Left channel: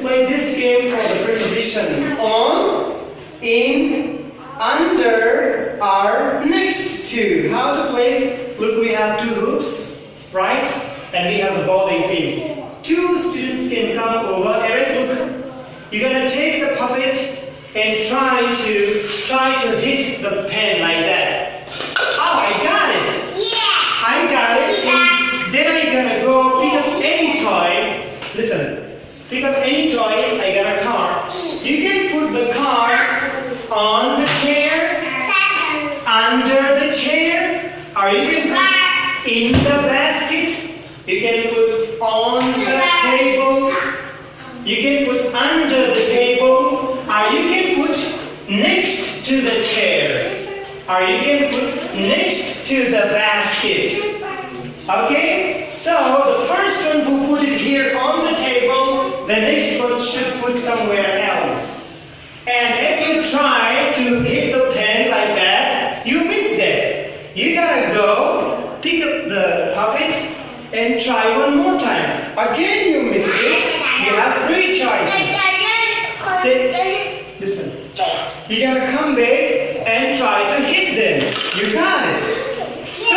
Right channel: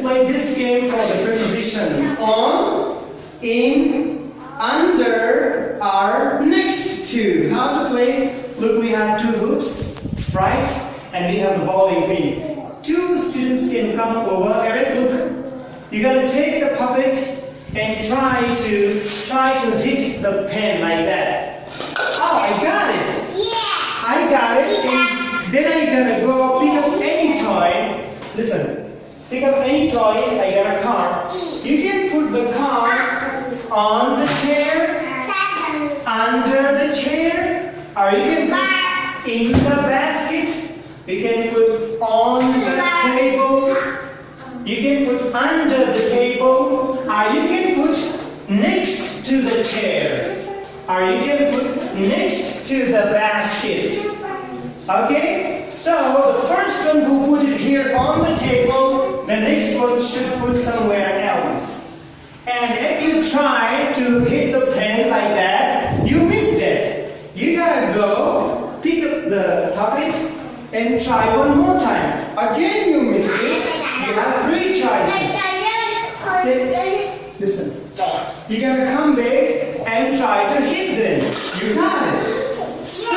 play this game for the preposition on, in, under, are, next to. How to play? Look, we have two hoops, right? And we have the bowling pin. Two students can come over. Eric, look. You gotta take the puppet and try to hit the pen like that. Oh, I got it. Yeah. I got it. And then I gotta go pick up any toy. Listen, pick up any toy. I got a car. You can put the car on the chair, under the chair, or you can put in the basket. You can put on the table. You can put under the table, or you can put next to the chair, or you can put next to the basket. Okay? So the first one who put it here on the table, the next one should put somewhere else. And if you try to hit the pen like that, you missed it. You gotta go pick up the puppet and try one more time. Again you missed it. You have three choices. Listen. You gotta come back and try to hit them. You got it. So